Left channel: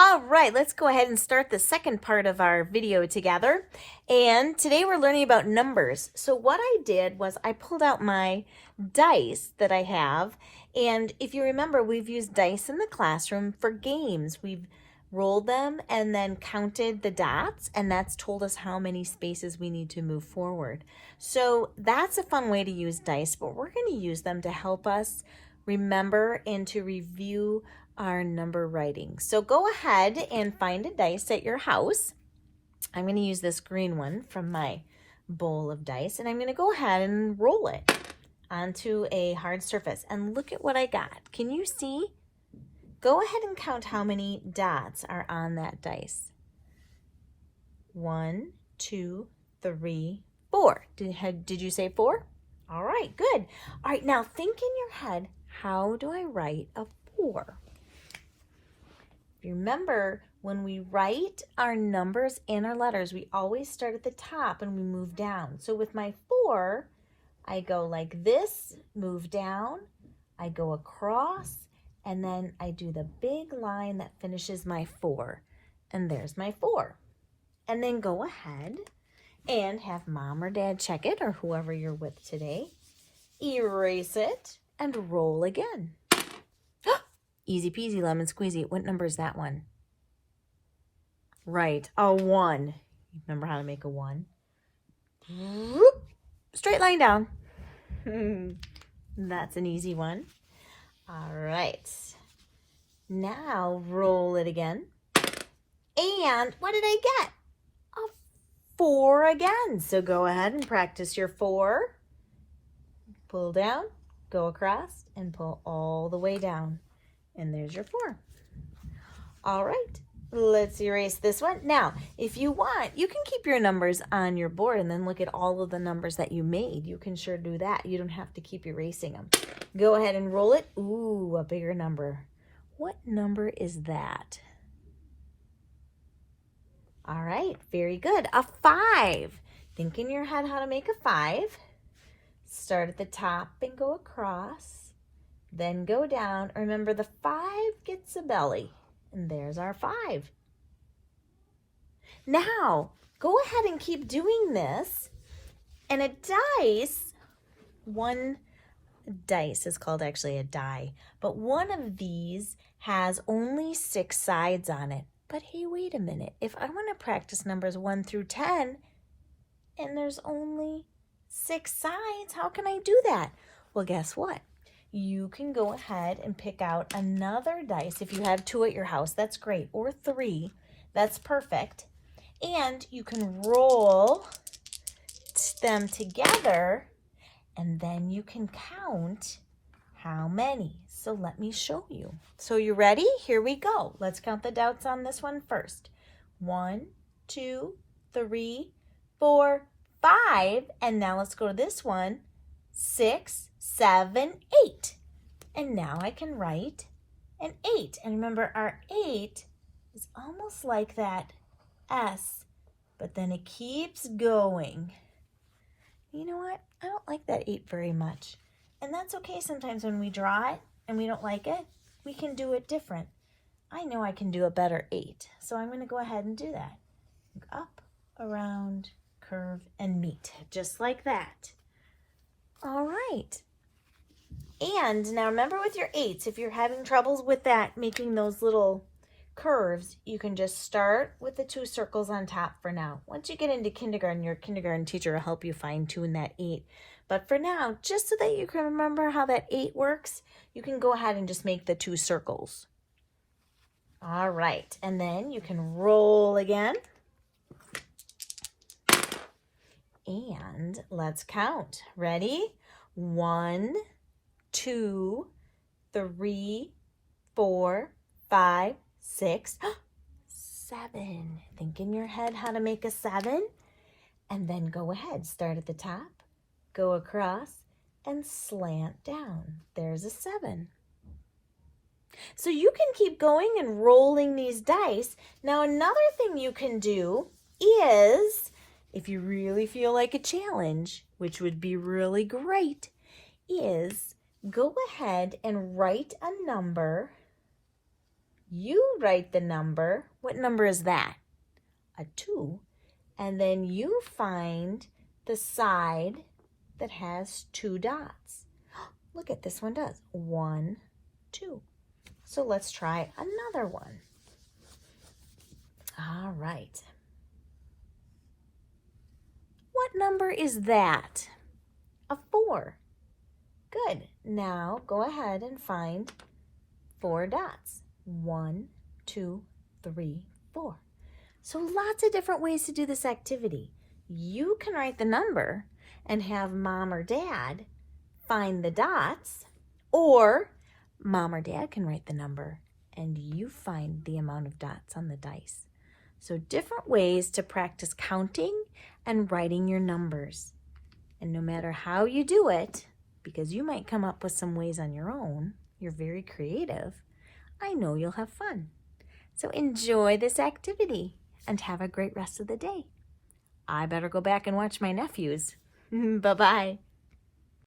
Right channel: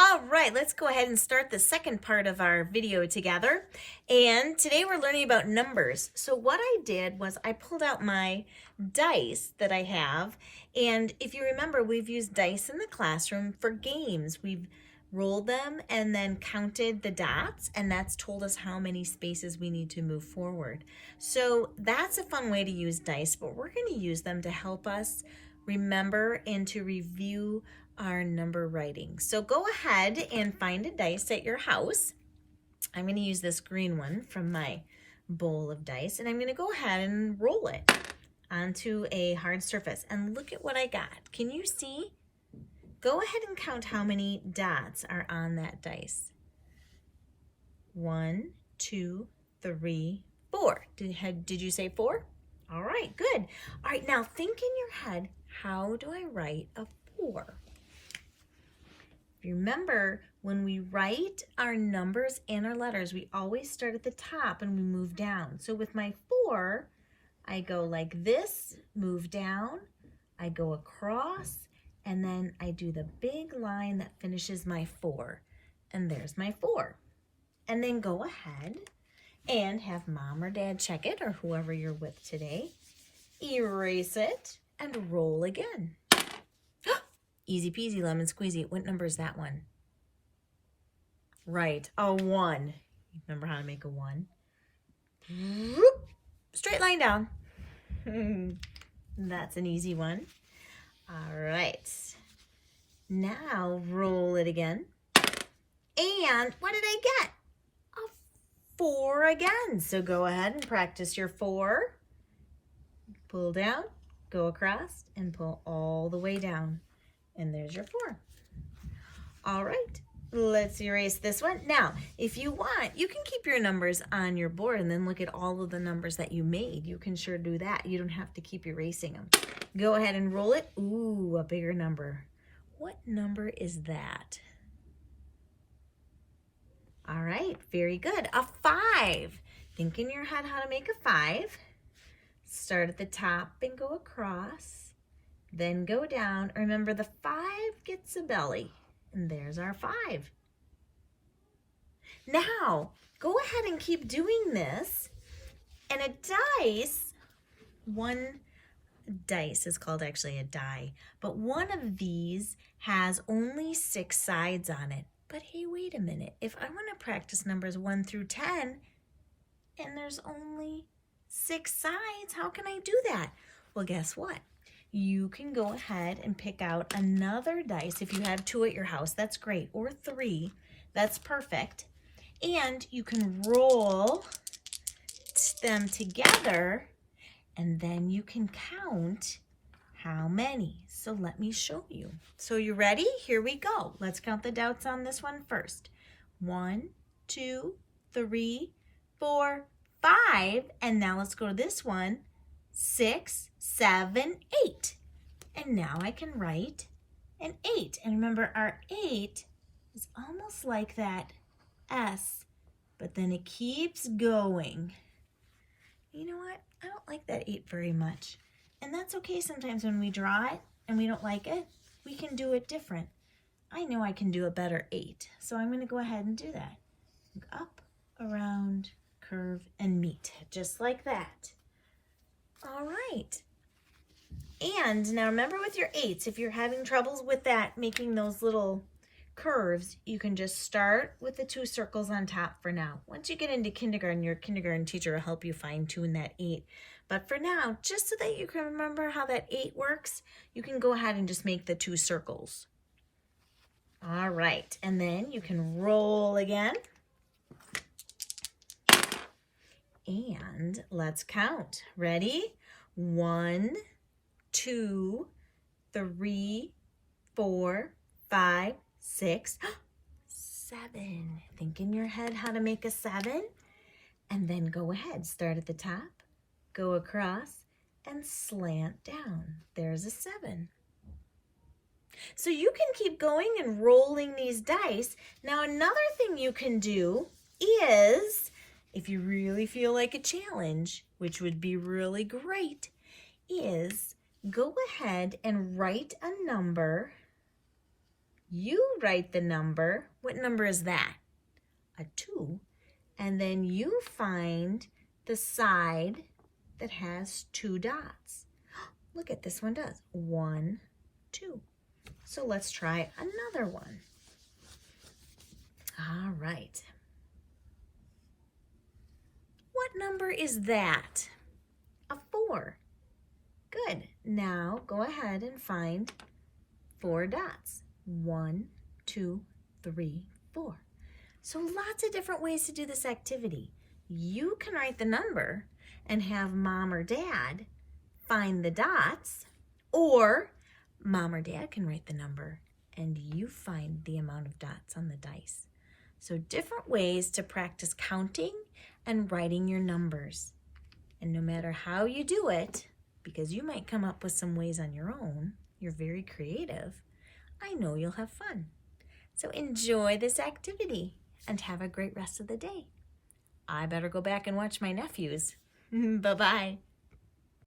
All right, let's go ahead and start the second part of our video together. And today we're learning about numbers. So what I did was I pulled out my dice that I have. And if you remember, we've used dice in the classroom for games. We've rolled them and then counted the dots, and that's told us how many spaces we need to move forward. So that's a fun way to use dice, but we're going to use them to help us remember and to review our number writing. So go ahead and find a dice at your house. I'm going to use this green one from my bowl of dice, and I'm going to go ahead and roll it onto a hard surface. And look at what I got. Can you see? Go ahead and count how many dots are on that dice. 1, 2, 3, 4. Did you say 4? All right, good. All right, now think in your head, how do I write a 4? Remember, when we write our numbers and our letters, we always start at the top and we move down. So with my 4, I go like this, move down, I go across, and then I do the big line that finishes my 4. And there's my 4. And then go ahead and have mom or dad check it, or whoever you're with today. Erase it and roll again. Easy peasy lemon squeezy. What number is that one? Right, a 1. Remember how to make a 1? Straight line down. That's an easy one. All right. Now roll it again. And what did I get? A 4 again. So go ahead and practice your 4. Pull down, go across, and pull all the way down. And there's your 4. All right, let's erase this one. Now, if you want, you can keep your numbers on your board and then look at all of the numbers that you made. You can sure do that. You don't have to keep erasing them. Go ahead and roll it. Ooh, a bigger number. What number is that? All right, very good. A 5. Think in your head how to make a 5. Start at the top and go across. Then go down. Remember, the 5 gets a belly. And there's our 5. Now, go ahead and keep doing this. And a dice, one dice is called actually a die, but one of these has only 6 sides on it. But hey, wait a minute. If I want to practice numbers 1 through 10, and there's only 6 sides, how can I do that? Well, guess what? You can go ahead and pick out another dice. If you have 2 at your house, that's great, or 3, that's perfect. And you can roll them together, and then you can count how many. So let me show you. So you ready? Here we go. Let's count the dots on this one first. 1, 2, 3, 4, 5. And now let's go to this one. 6, 7, 8. And now I can write an 8. And remember, our 8 is almost like that S, but then it keeps going. You know what? I don't like that 8 very much. And that's okay sometimes when we draw it and we don't like it. We can do it different. I know I can do a better 8. So I'm going to go ahead and do that. Up, around, curve, and meet. Just like that. All right. And now remember with your 8s, if you're having troubles with that, making those little curves, you can just start with the 2 circles on top for now. Once you get into kindergarten, your kindergarten teacher will help you fine tune that 8. But for now, just so that you can remember how that 8 works, you can go ahead and just make the 2 circles. All right, and then you can roll again. And let's count. Ready? 1, 2, 3, 4, 5, 6, 7. Think in your head how to make a 7. And then go ahead. Start at the top, go across, and slant down. There's a 7. So you can keep going and rolling these dice. Now another thing you can do is, if you really feel like a challenge, which would be really great, is go ahead and write a number You write the number. What number is that? A 2. And then you find the side that has 2 dots. Look at this one does. 1, 2. So let's try another one. All right. What number is that? A 4. Good. Now go ahead and find 4 dots. 1, 2, 3, 4. So lots of different ways to do this activity. You can write the number and have mom or dad find the dots, or mom or dad can write the number and you find the amount of dots on the dice. So different ways to practice counting and writing your numbers. And no matter how you do it, because you might come up with some ways on your own, you're very creative, I know you'll have fun. So enjoy this activity and have a great rest of the day. I better go back and watch my nephews. Bye-bye.